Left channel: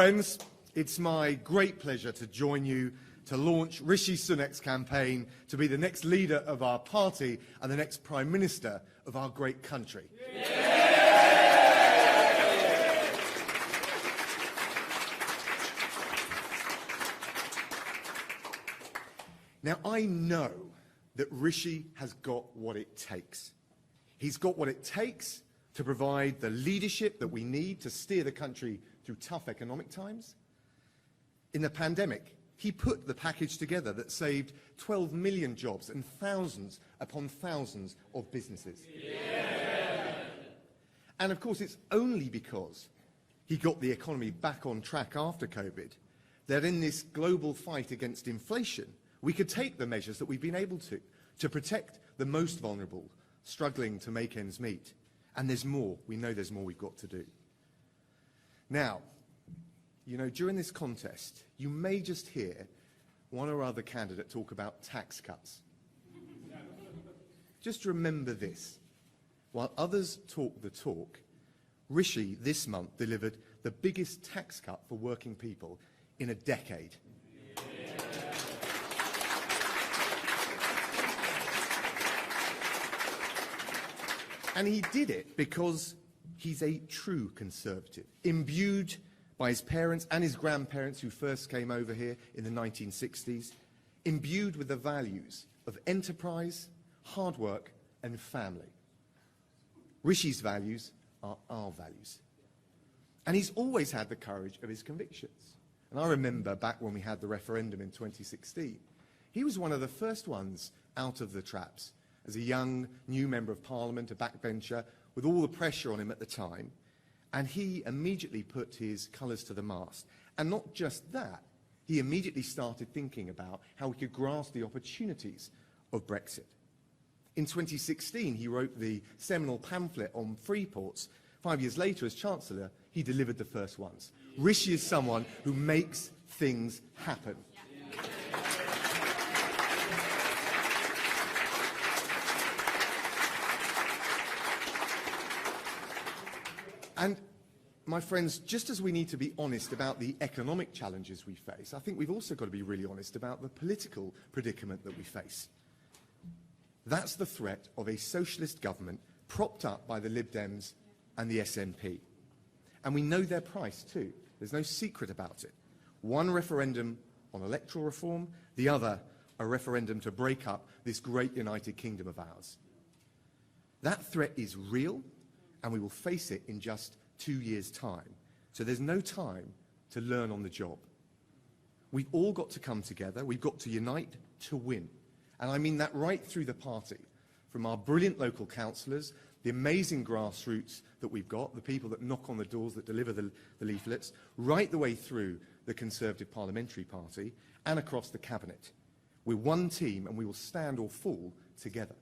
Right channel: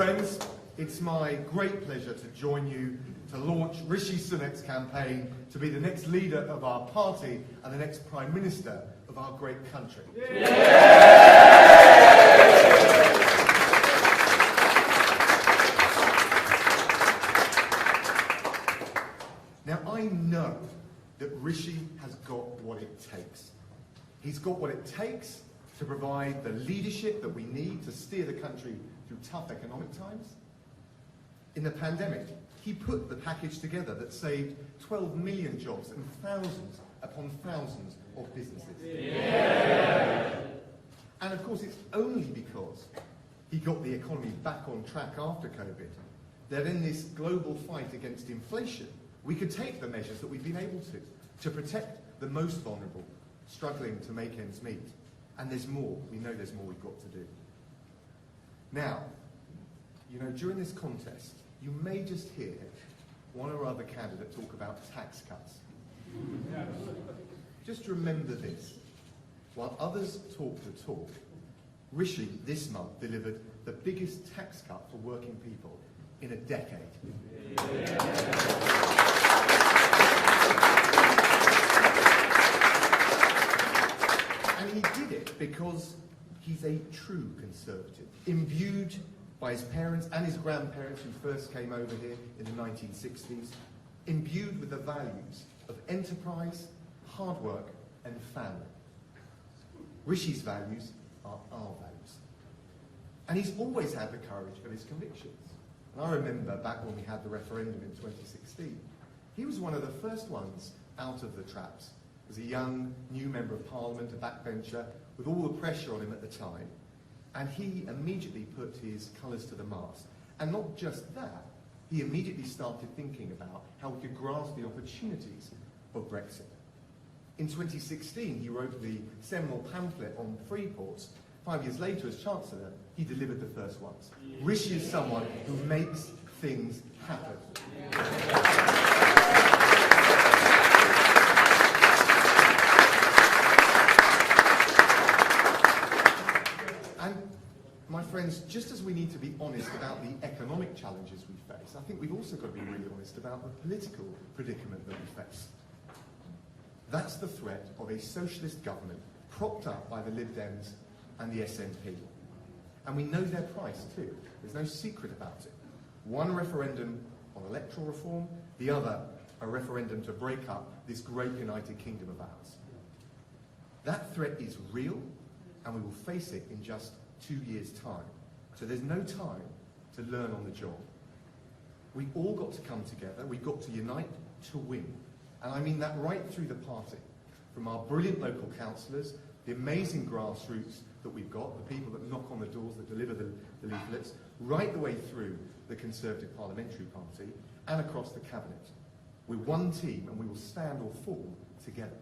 friends, it's my great pleasure to join you to launch Rishi Sunak's campaign to be the next leader of our party and the next Prime Minister of our great country. Now, I know that Rishi has got what it takes. He's got what it takes to provide the leadership that we need to steer the country through tough economic times. In the pandemic, he put the package together that saved 12 million jobs and thousands upon thousands of businesses. Yeah. And of course, it's only because he got the economy back on track after COVID that in this global fight against inflation, we could take the measures that we've been able to protect the most vulnerable, struggling to make ends meet. And there's more. We know there's more we've got to do. Now, you know, during this contest, you may just hear one or other candidate talk about tax cuts. Just remember this. While others talk the talk, Rishi this month delivered the biggest tax cut for working people in a decade. And he did it because he's a true conservative, imbued by his parents and his grandparents who first came over here in the 1960s, imbued with the values of enterprise, hard work, and family. Rishi's values are our values. And he's always had the courage of his convictions. And I remember back when we had the referendum in 2016, he was one of the first ones out of the traps. As a young, new member of Parliament, a backbencher, with all the pressure on him at the time, and he immediately put his colours to the mast. And not just that, he immediately started thinking about how we could grasp the opportunities of Brexit. In 2016, he wrote the seminal pamphlet on free ports. 5 years later, as Chancellor, he delivered the first ones. Rishi is someone who makes things happen. And my friends, just as we need to be honest about the economic challenges we face, I think we've also got to be really honest about the political predicament that we face. That's the threat of a socialist government propped up by the Lib Dems and the SNP. And we know their price too. There's no secret about it. One referendum on electoral reform, the other a referendum to break up this great United Kingdom of ours. That threat is real, and we will face it in just 2 years' time. So there's no time to learn on the job. We've all got to come together. We've got to unite to win. And I mean that right through the party, from our brilliant local councillors, the amazing grassroots that we've got, the people that knock on the doors, that deliver the leaflets, right the way through the Conservative Parliamentary Party and across the Cabinet. We're one team and we will stand or fall together.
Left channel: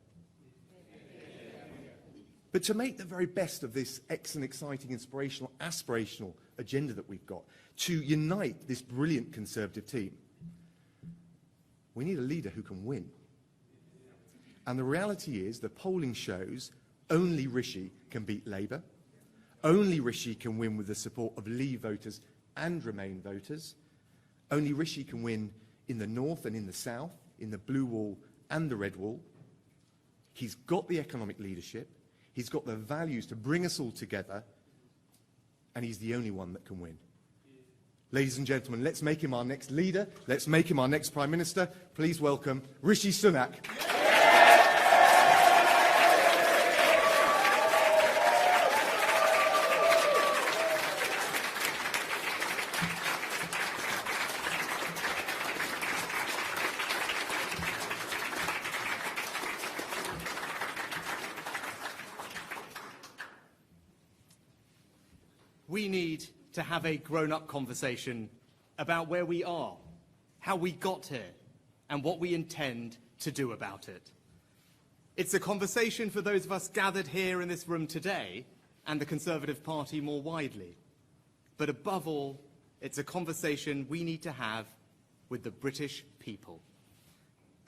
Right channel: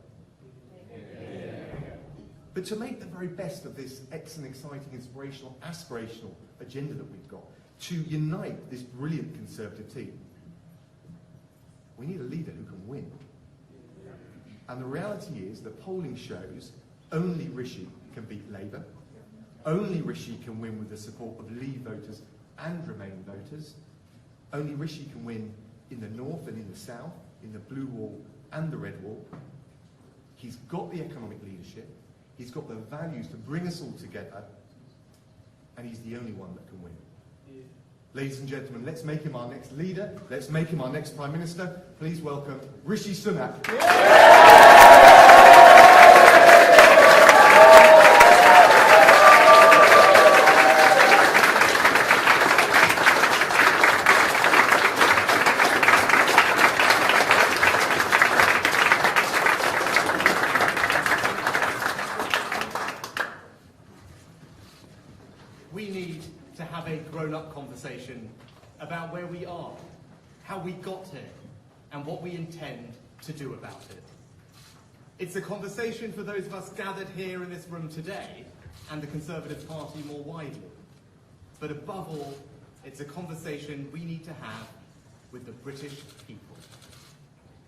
But to make the very best of this excellent, exciting, inspirational, aspirational agenda that we've got, to unite this brilliant Conservative team, we need a leader who can win. And the reality is that polling shows only Rishi can beat Labour. Only Rishi can win with the support of Leave voters and Remain voters. Only Rishi can win in the north and in the south, in the blue wall and the red wall. He's got the economic leadership. He's got the values to bring us all together. And he's the only one that can win. Ladies and gentlemen, let's make him our next leader. Let's make him our next Prime Minister. Please welcome Rishi Sunak. We need to have a grown-up conversation about where we are, how we got here, and what we intend to do about it. It's a conversation for those of us gathered here in this room today and the Conservative Party more widely. But above all, it's a conversation we need to have with the British people.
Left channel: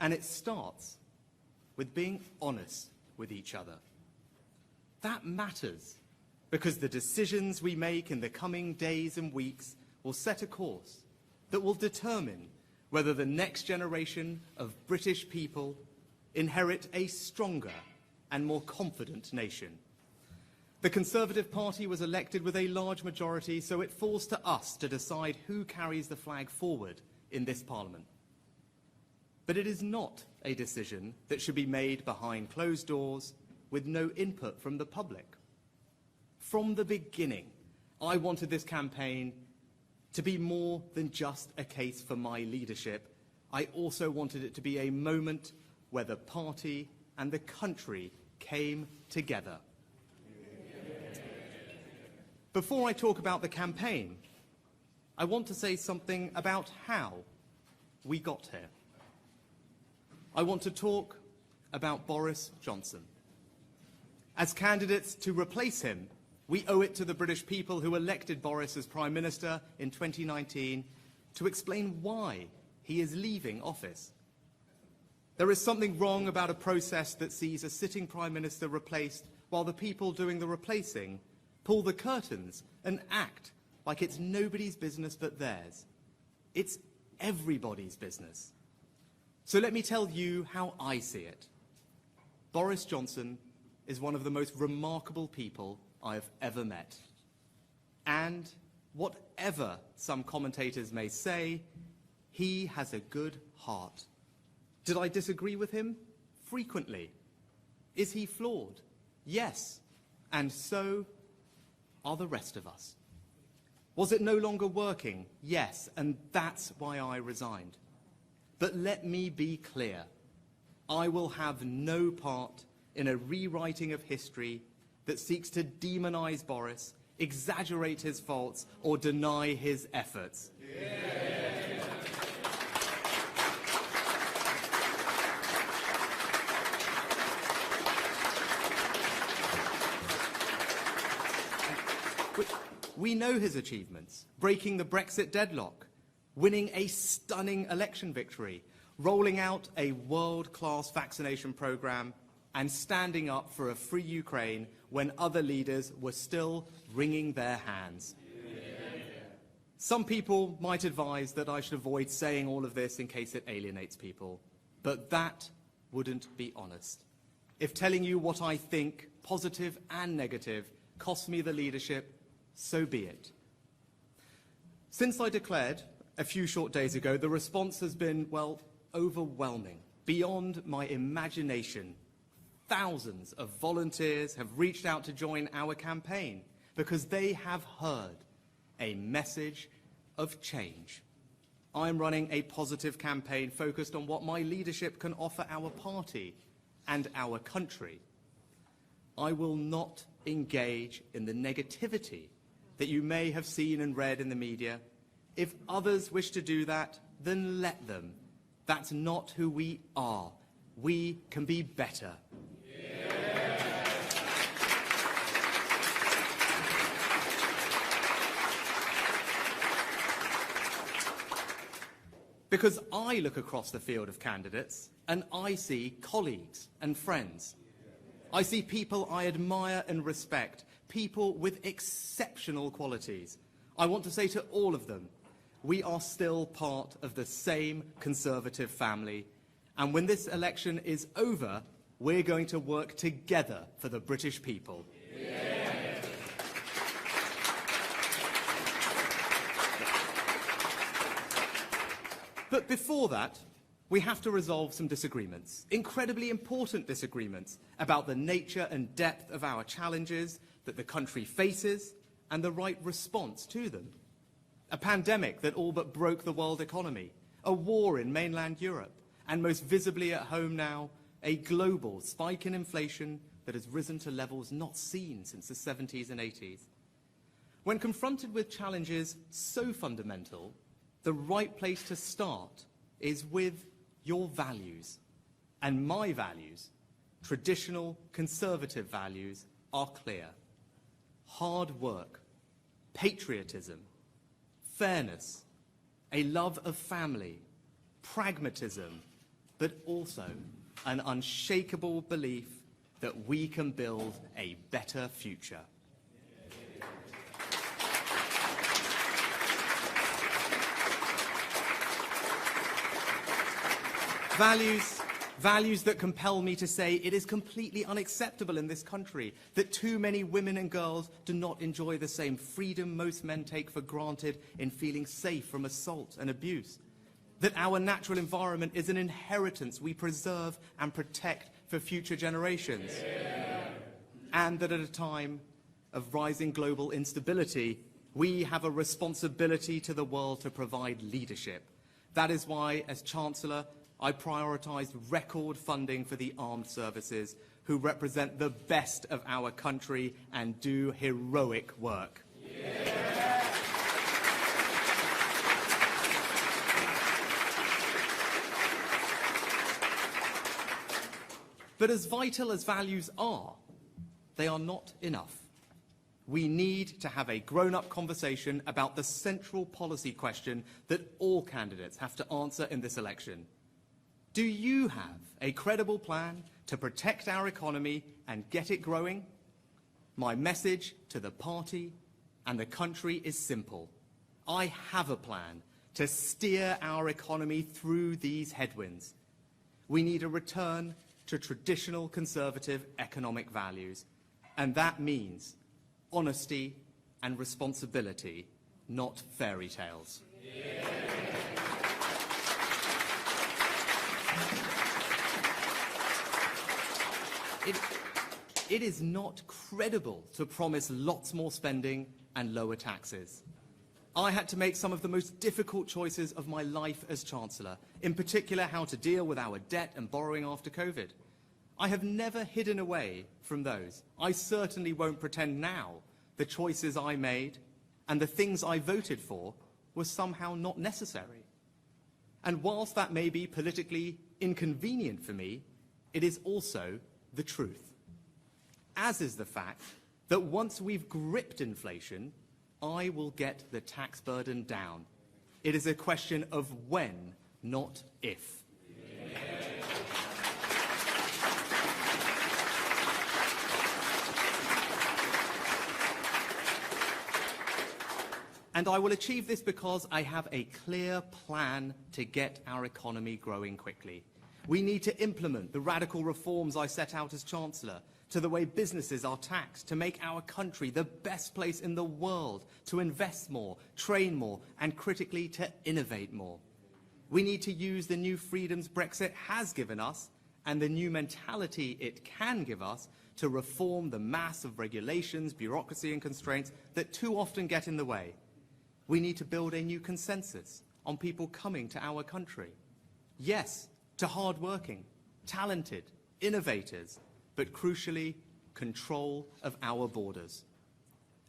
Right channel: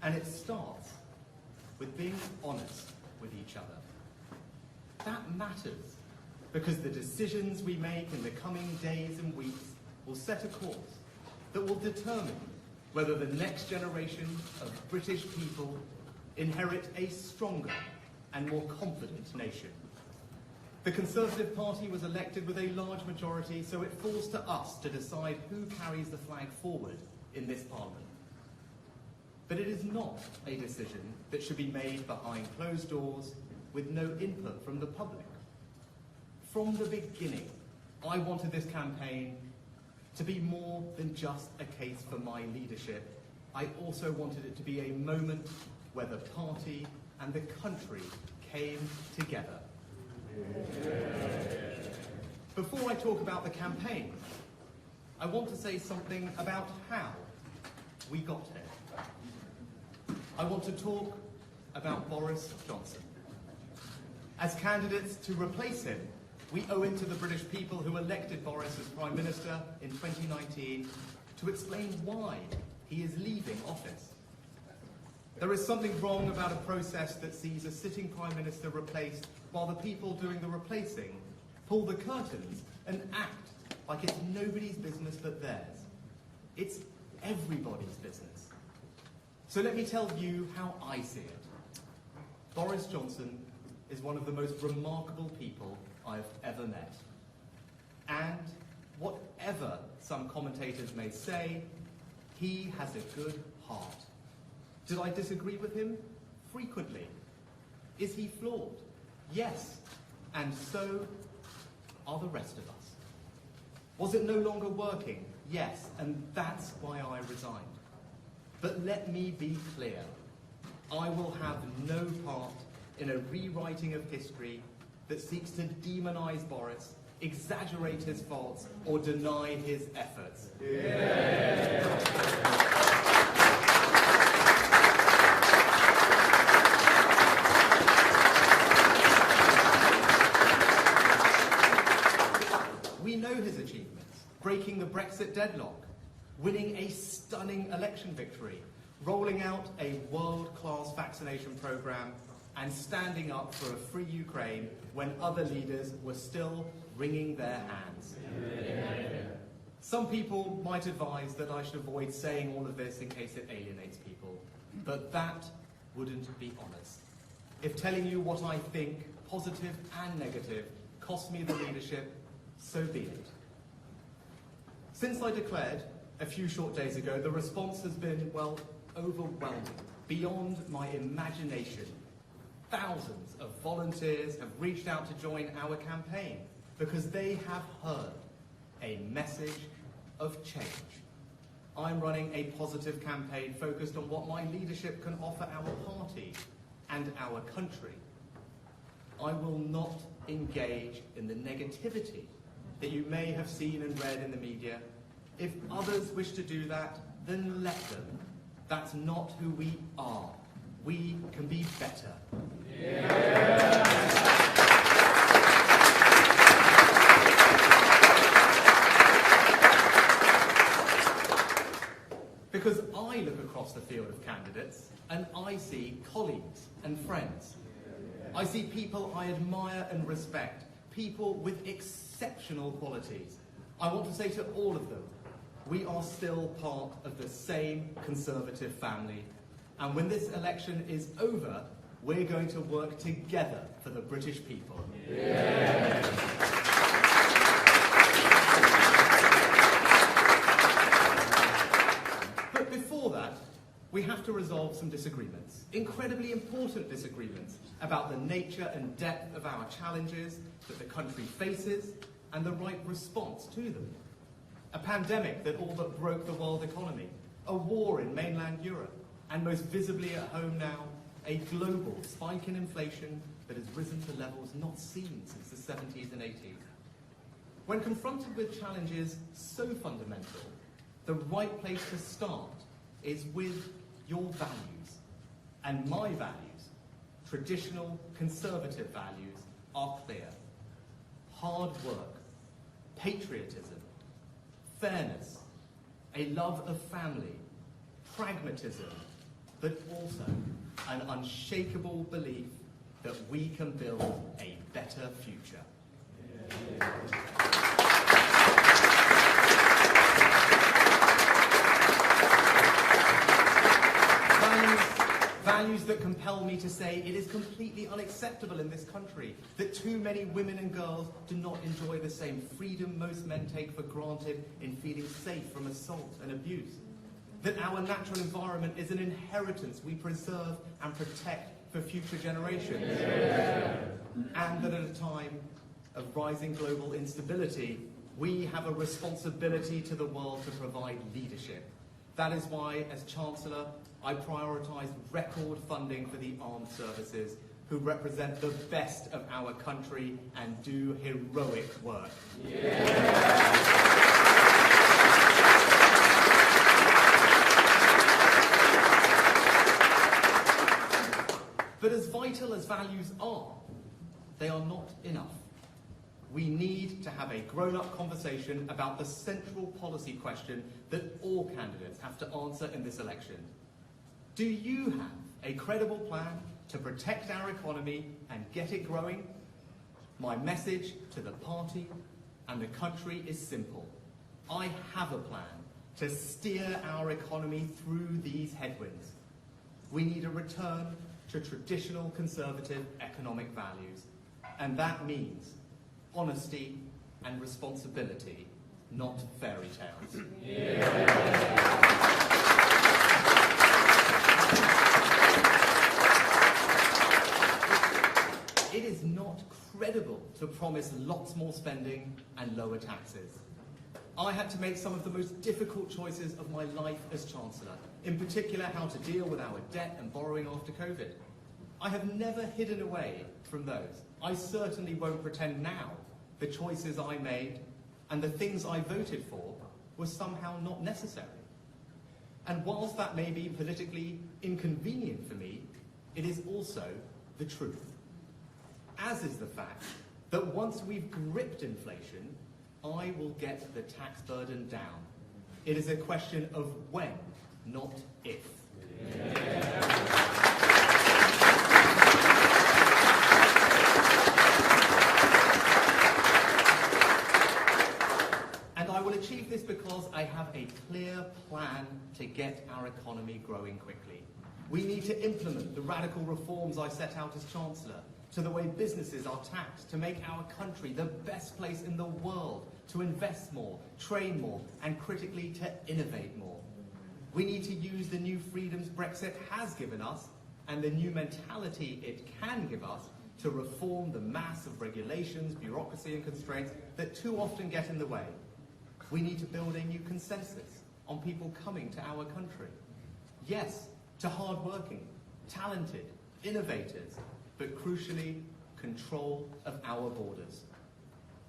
And it starts with being honest with each other. That matters, because the decisions we make in the coming days and weeks will set a course that will determine whether the next generation of British people inherit a stronger and more confident nation. The Conservative Party was elected with a large majority, so it falls to us to decide who carries the flag forward in this Parliament. But it is not a decision that should be made behind closed doors with no input from the public. From the beginning, I wanted this campaign to be more than just a case for my leadership. I also wanted it to be a moment where the party and the country came together. Before I talk about the campaign, I want to say something about how we got here. I want to talk about Boris Johnson. As candidates to replace him, we owe it to the British people who elected Boris as Prime Minister in 2019 to explain why he is leaving office. There is something wrong about a process that sees a sitting Prime Minister replaced while the people doing the replacing pull the curtains and act like it's nobody's business but theirs. It's everybody's business. So let me tell you how I see it. Boris Johnson is one of the most remarkable people I've ever met. And whatever some commentators may say, he has a good heart. Did I disagree with him? Frequently. Is he flawed? Yes. And so are the rest of us. Was it no longer working? Yes. And that's why I resigned. But let me be clear. I will have no part in a rewriting of history that seeks to demonize Boris, exaggerate his faults, or deny his efforts. Yeah. We know his achievements: breaking the Brexit deadlock, winning a stunning election victory, rolling out a world-class vaccination programme, and standing up for a free Ukraine when other leaders were still wringing their hands. Yeah. Some people might advise that I should avoid saying all of this in case it alienates people, but that wouldn't be honest. If telling you what I think, positive and negative, costs me the leadership, so be it. Since I declared a few short days ago, the response has been, well, overwhelming, beyond my imagination. Thousands of volunteers have reached out to join our campaign because they have heard a message of change. I'm running a positive campaign focused on what my leadership can offer our party and our country. I will not engage in the negativity that you may have seen and read in the media. If others wish to do that, then let them. That's not who we are. We can be better. Yeah. Because I look across the field of candidates and I see colleagues and friends. I see people I admire and respect, people with exceptional qualities. I want to say to all of them, we are still part of the same Conservative family, and when this election is over, we're going to work together for the British people. Yeah. But before that, we have to resolve some disagreements, incredibly important disagreements, about the nature and depth of our challenges that the country faces and the right response to them. A pandemic that all but broke the world economy, a war in mainland Europe, and most visibly at home now, a global spike in inflation that has risen to levels not seen since the 70s and 80s. When confronted with challenges so fundamental, the right place to start is with your values. And my values, traditional Conservative values, are clear. Hard work, patriotism, fairness, a love of family, pragmatism, but also an unshakable belief that we can build a better future. Values that compel me to say it is completely unacceptable in this country that too many women and girls do not enjoy the same freedom most men take for granted in feeling safe from assault and abuse. That our natural environment is an inheritance we preserve and protect for future generations. Yeah. And that at a time of rising global instability, we have a responsibility to the world to provide leadership. That is why, as Chancellor, I prioritised record funding for the armed services, who represent the best of our country and do heroic work. Yeah. But as vital as values are, they are not enough. We need to have a grown-up conversation about the central policy question that all candidates have to answer in this election. Do you have a credible plan to protect our economy and get it growing? My message to the party and the country is simple. I have a plan to steer our economy through these headwinds. We need a return to traditional conservative economic values, and that means honesty and responsibility, not fairy tales. Yeah. It is not credible to promise lots more spending and lower taxes. I had to make some of the most difficult choices of my life as Chancellor, in particular how to deal with our debt and borrowing after COVID. I have never hidden away from those. I certainly won't pretend now the choices I made and the things I voted for were somehow not necessary. And whilst that may be politically inconvenient for me, it is also the truth. As is the fact that once we've gripped inflation, I will get the tax burden down. It is a question of when, not if. Yeah. And I will achieve this because I have a clear plan to get our economy growing quickly. We need to implement the radical reforms I set out as Chancellor, to the way businesses are taxed, to make our country the best place in the world, to invest more, train more, and critically to innovate more. We need to use the new freedoms Brexit has given us and the new mentality it can give us to reform the mass of regulations, bureaucracy and constraints that too often get in the way. We need to build a new consensus on people coming to our country. Yes, to hard-working, talented, innovators, but crucially, control of our borders.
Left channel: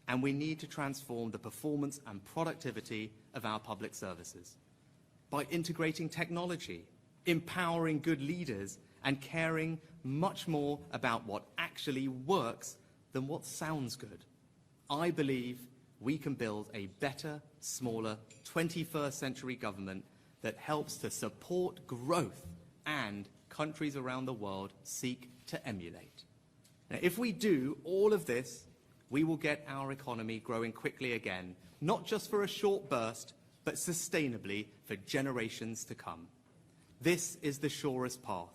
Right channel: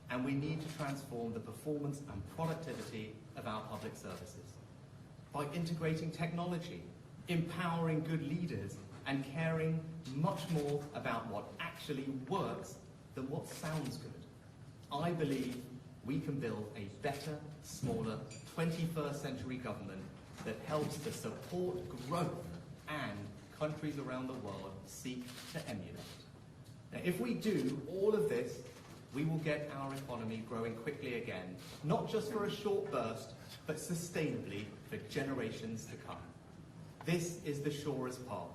And we need to transform the performance and productivity of our public services by integrating technology, empowering good leaders, and caring much more about what actually works than what sounds good. I believe we can build a better, smaller, 21st century government that helps to support growth and countries around the world seek to emulate. Now, if we do all of this, we will get our economy growing quickly again, not just for a short burst, but sustainably for generations to come. This is the surest path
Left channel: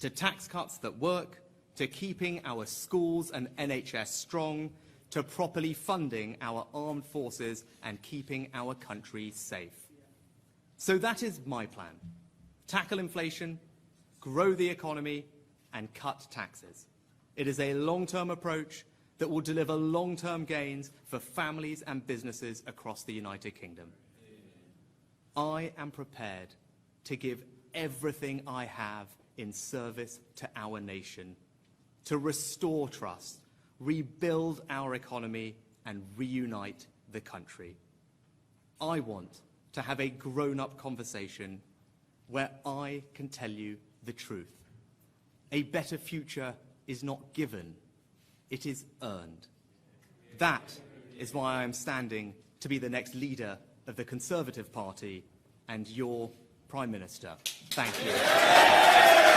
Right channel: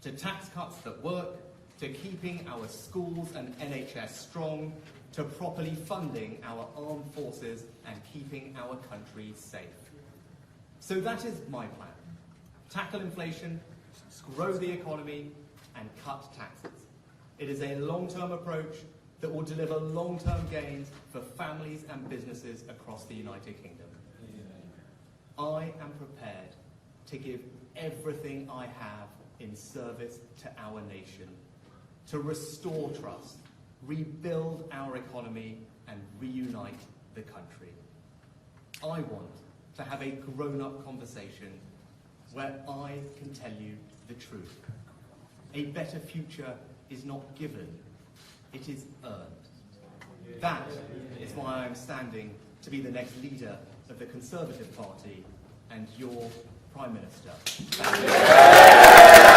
to tax cuts that work, to keeping our schools and NHS strong, to properly funding our armed forces and keeping our country safe. So that is my plan. Tackle inflation, grow the economy, and cut taxes. It is a long-term approach that will deliver long-term gains for families and businesses across the United Kingdom. I am prepared to give everything I have in service to our nation, to restore trust, rebuild our economy, and reunite the country. I want to have a grown-up conversation where I can tell you the truth. A better future is not given, it is earned. That is why I am standing to be the next leader of the Conservative Party and your Prime Minister. Thank you.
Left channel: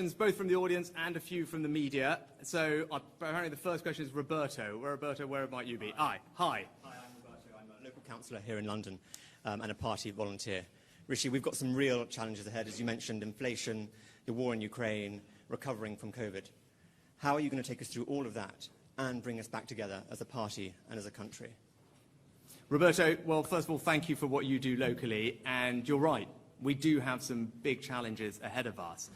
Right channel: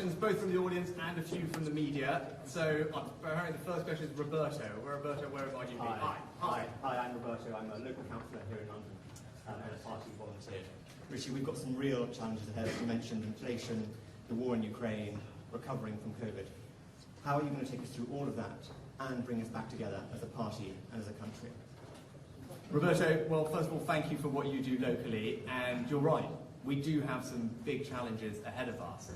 questions, both from the audience and a few from the media. So apparently the first question is Roberto. Roberto, where might you be? Hi. Hi, I'm Roberto. I'm a local councillor here in London and a party volunteer. Rishi, we've got some real challenges ahead, as you mentioned, inflation, the war in Ukraine, recovering from COVID. How are you going to take us through all of that and bring us back together as a party and as a country? Roberto, well, first of all, thank you for what you do locally, and you're right. We do have some big challenges ahead of us.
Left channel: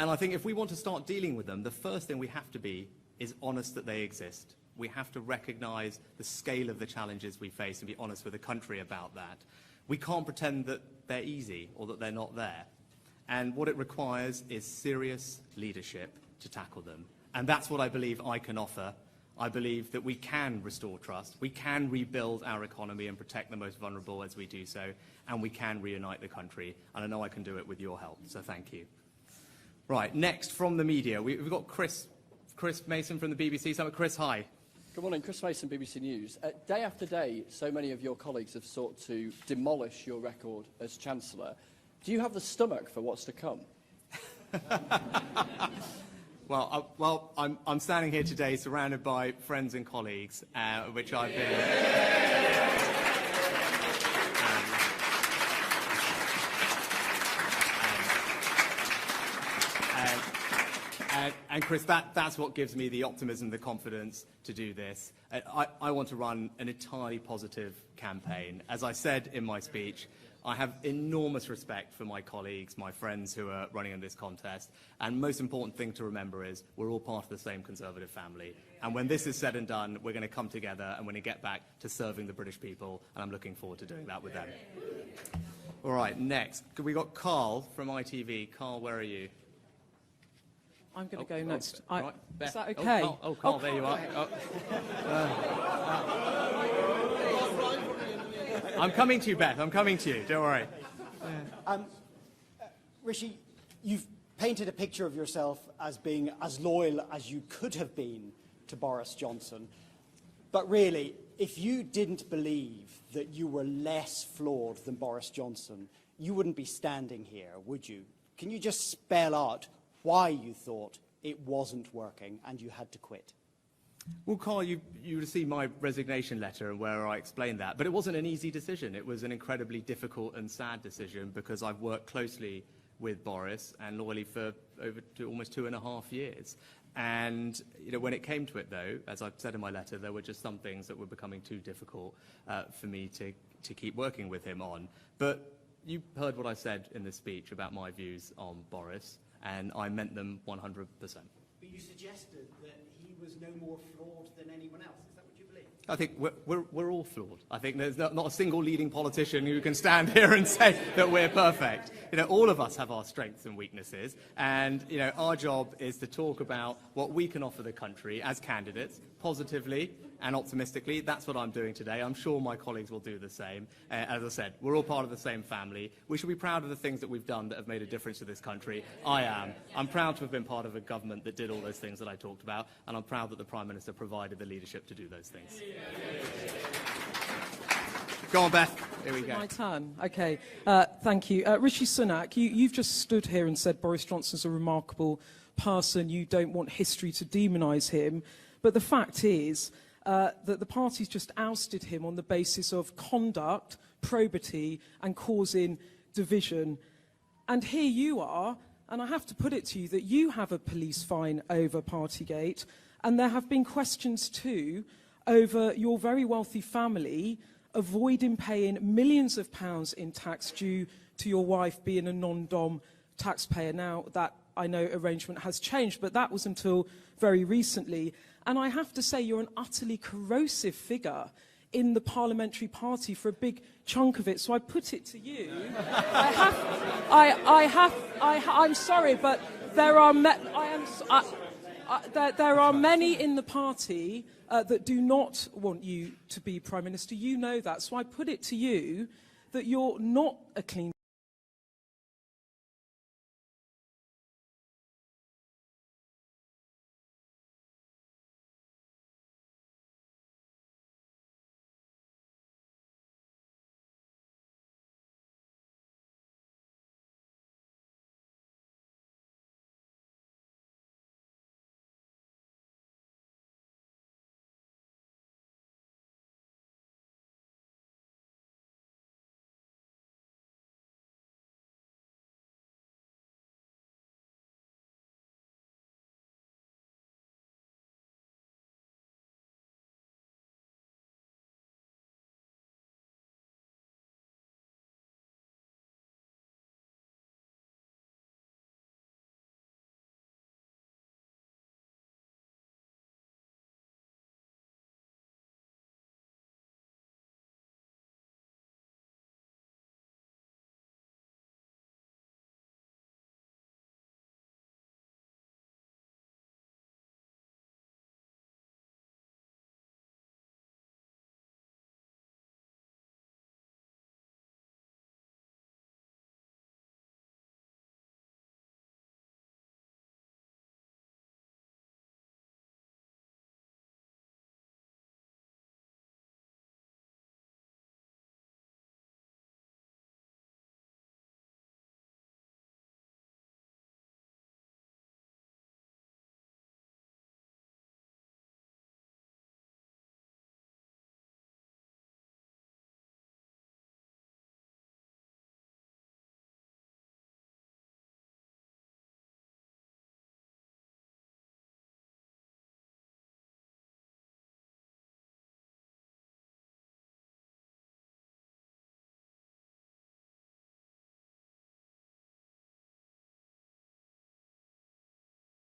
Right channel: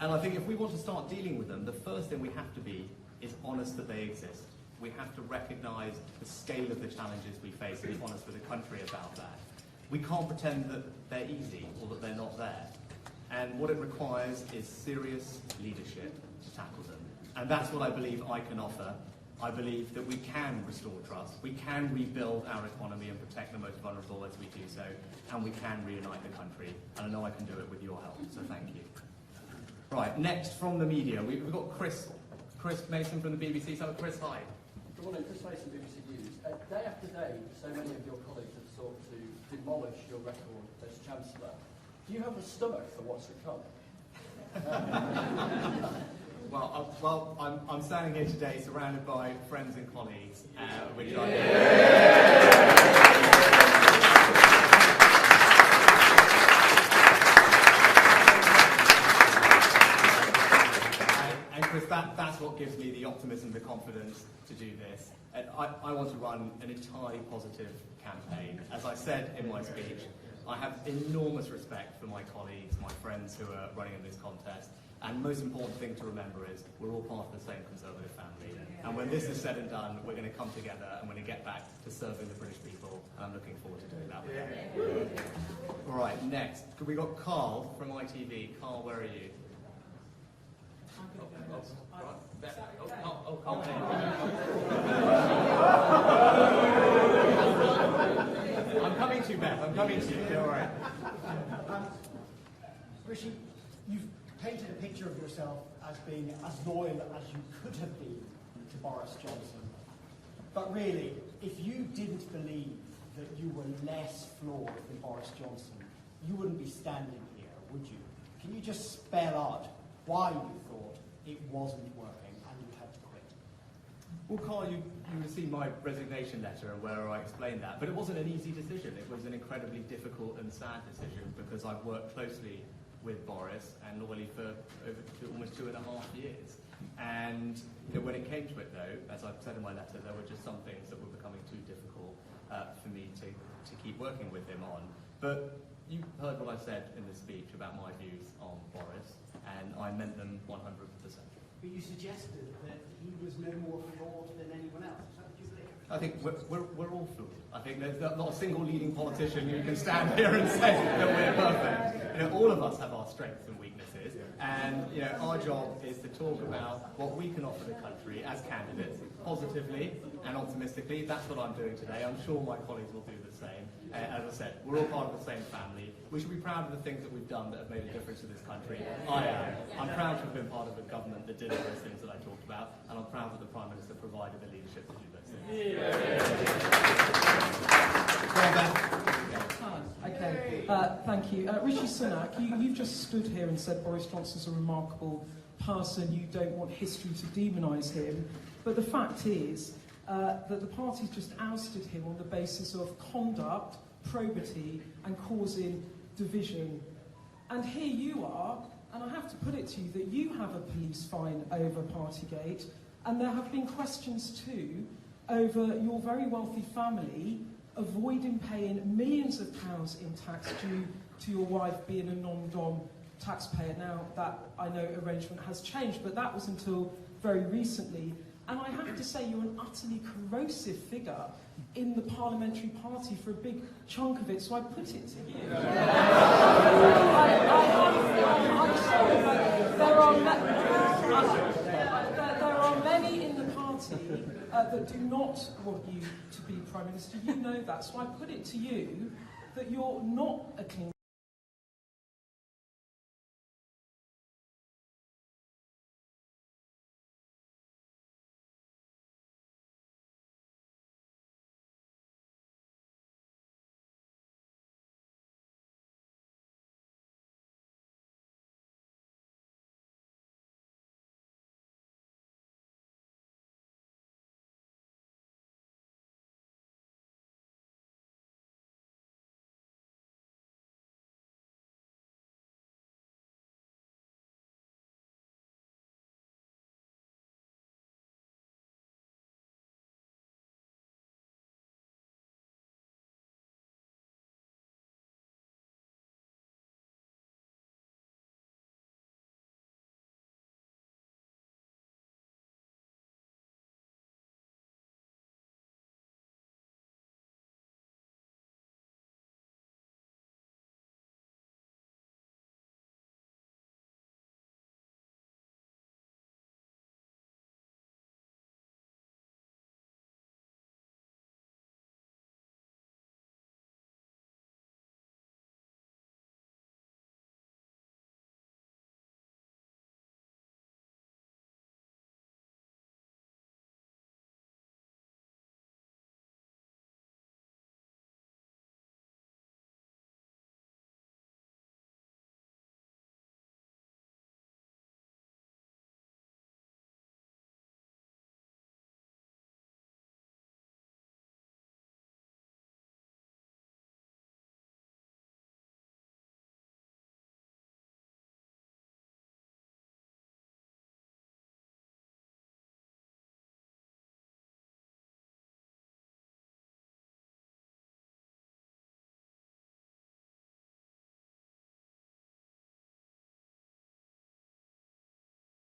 And I think if we want to start dealing with them, the first thing we have to be is honest that they exist. We have to recognise the scale of the challenges we face and be honest with the country about that. We can't pretend that they're easy or that they're not there. And what it requires is serious leadership to tackle them. And that's what I believe I can offer. I believe that we can restore trust, we can rebuild our economy and protect the most vulnerable as we do so, and we can reunite the country. And I know I can do it with your help, so thank you. Right, next from the media, we've got Chris Mason from the BBC. So Chris, hi. Good morning, Chris Mason, BBC News. Day after day, so many of your colleagues have sought to demolish your record as Chancellor. Do you have the stomach for what's to come? Well, I'm standing here today surrounded by friends and colleagues, which I... And Chris, that's what gives me the optimism, the confidence to do this. I want to run an entirely positive campaign. As I said in my speech, I have enormous respect for my colleagues, my friends who are running in this contest. And the most important thing to remember is we're all part of the same Conservative family. And when this is said and done, we're going to come together and we're going to get back to serving the British people. And I'm looking forward to doing that with them. All right, next. We've got Carl from ITV. Carl, where are you? I'm going to go next. Right, Is that okay? Carl, there you are. I'm coming to you, Beth. I'm coming to you. Don't worry. Rishi, you've painted a picture of yourself as being as loyal as you could have been to Boris Johnson. But really, if you didn't believe that you were less flawed than Boris Johnson, you wouldn't be standing here, would you? Can you just spell out why you thought it wasn't working and you had to quit? Well, Carl, you received my resignation letter where I explained that, but it wasn't an easy decision. It was an incredibly difficult and sad decision because I've worked closely with Boris and loyally for almost 2.5 years. And when it came to it, though, as I've said in my letter, there were just some things that were becoming too difficult for me to keep working with him on. But you heard what I said in the speech about my views on Boris, and I meant them 100%. But you suggested that he was no more flawed than anyone else. Is that what you think? I think we're all flawed. I think there's not a single leading politician who can stand here and say that we're perfect. All of us have our strengths and weaknesses, and our job is to talk about what we can offer the country as candidates, positively and optimistically. That's what I'm doing today. I'm sure my colleagues will do the same. As I said, we're all part of the same family. We should be proud of the things that we've done that have made a difference to this country. I am. I'm proud to have been part of a government that did all those things that I talked about, and I'm proud that the Prime Minister provided the leadership to do those things. Go on, Beth. Here we go. My turn. Okay. Thank you. Rishi Sunak, you've just stood here and said Boris Johnson's a remarkable person. You don't want history to demonise him. But the fact is that the party's just ousted him on the basis of conduct, probity, and causing division. And here you are, and I have to put it to you that you have a police fine over Partygate, and there have been questions too over your very wealthy family avoiding paying millions of pounds in tax due to your wife being a non-dom taxpayer. Now, that, I know, arrangement has changed, but that was until very recently. And I have to say, you're an utterly corrosive figure in the parliamentary party for a big chunk of it, so I put it to you. I'm sorry, but there are many in the party that do not want you to be Prime Minister. You know that, so I put it to you that you're not a clean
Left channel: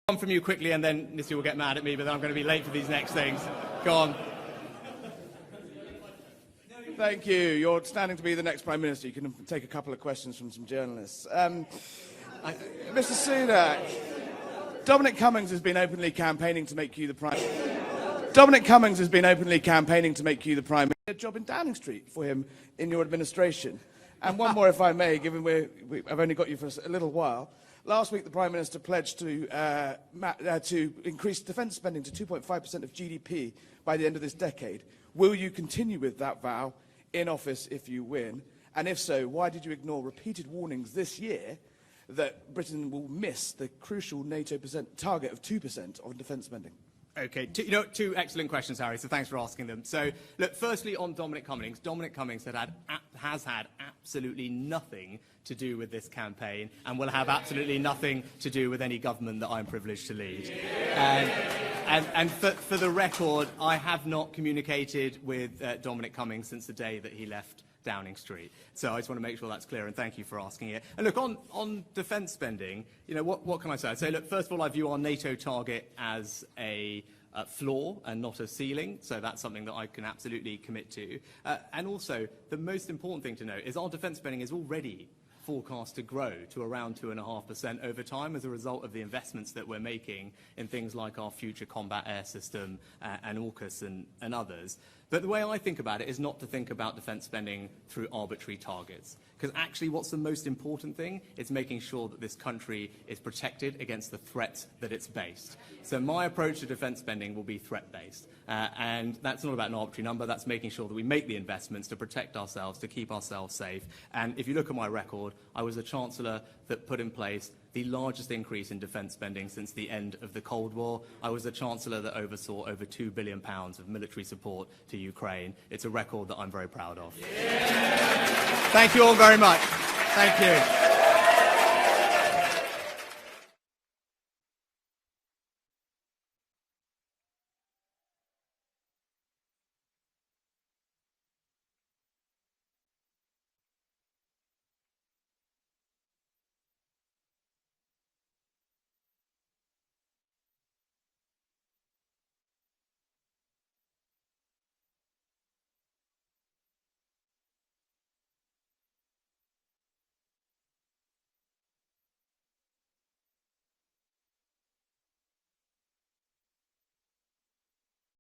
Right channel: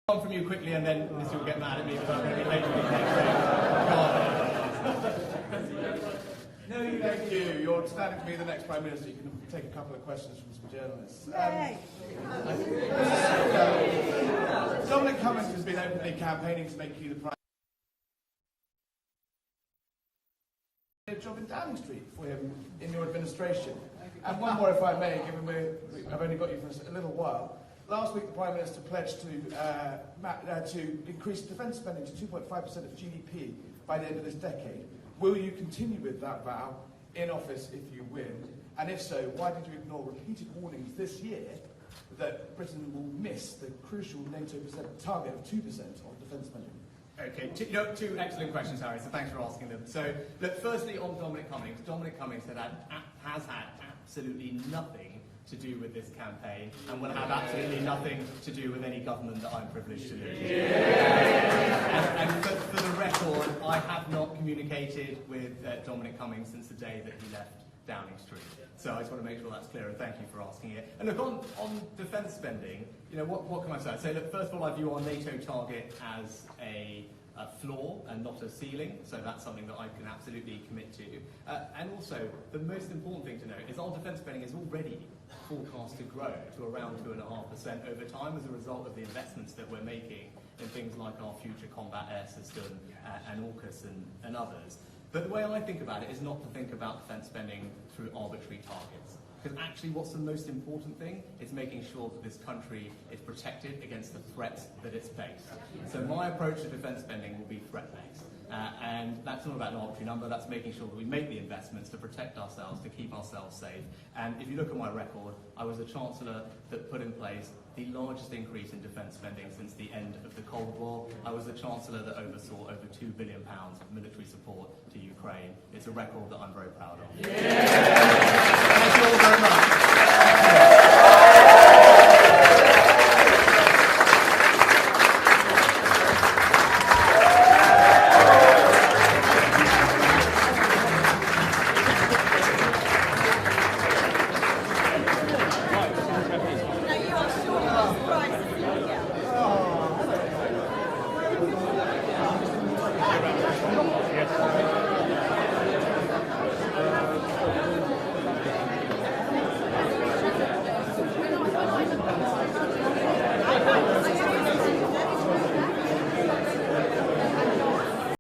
One from you quickly, and then Missy will get mad at me, but I'm going to be late for these next things. Go on. Thank you. You're standing to be the next Prime Minister. You can take a couple of questions from some journalists. Mr. Sunak, Dominic Cummings has been openly campaigning to make you the Prime Dominic Cummings has been openly campaigning to make you the Prime Minister. A job in Downing Street for him in your administration. And one more, if I may, given I've only got you for a little while. Last week, the Prime Minister pledged to increase defence spending to 2.5% of GDP by the end of this decade. Will you continue with that vow in office if you win? And if so, why did you ignore repeated warnings this year that Britain will miss the crucial NATO target of 2% on defence spending? Okay, two excellent questions, Harry, so thanks for asking them. So, look, firstly on Dominic Cummings. Dominic Cummings has had absolutely nothing to do with this campaign and will have absolutely nothing to do with any government that I'm privileged to lead. And for the record, I have not communicated with Dominic Cummings since the day that he left Downing Street. So I just want to make sure that's clear, and thank you for asking it. And look, on defence spending, what can I say? I'd say, look, first of all, I view our NATO target as a floor and not a ceiling, so that's something that I can absolutely commit to. And also, the most important thing to note is our defence spending is already forecast to grow to around 2.5% over time as a result of the investments that we're making in things like our future combat air system and AUKUS and others. But the way I think about it is not to think about defence spending through arbitrary targets. Because actually what's the most important thing is making sure that this country is protected against the threats that it's faced. So my approach to defence spending will be threat-based. And that's not about an arbitrary number, that's making sure that we make the investments to protect ourselves, to keep ourselves safe. And if you look at my record, I was the Chancellor that put in place the largest increase in defence spending since the end of the Cold War. I was the Chancellor that oversaw over £2 billion of military support to Ukraine. It's a record that I'm very proud of. Yeah. Thank you all very much. Thank you.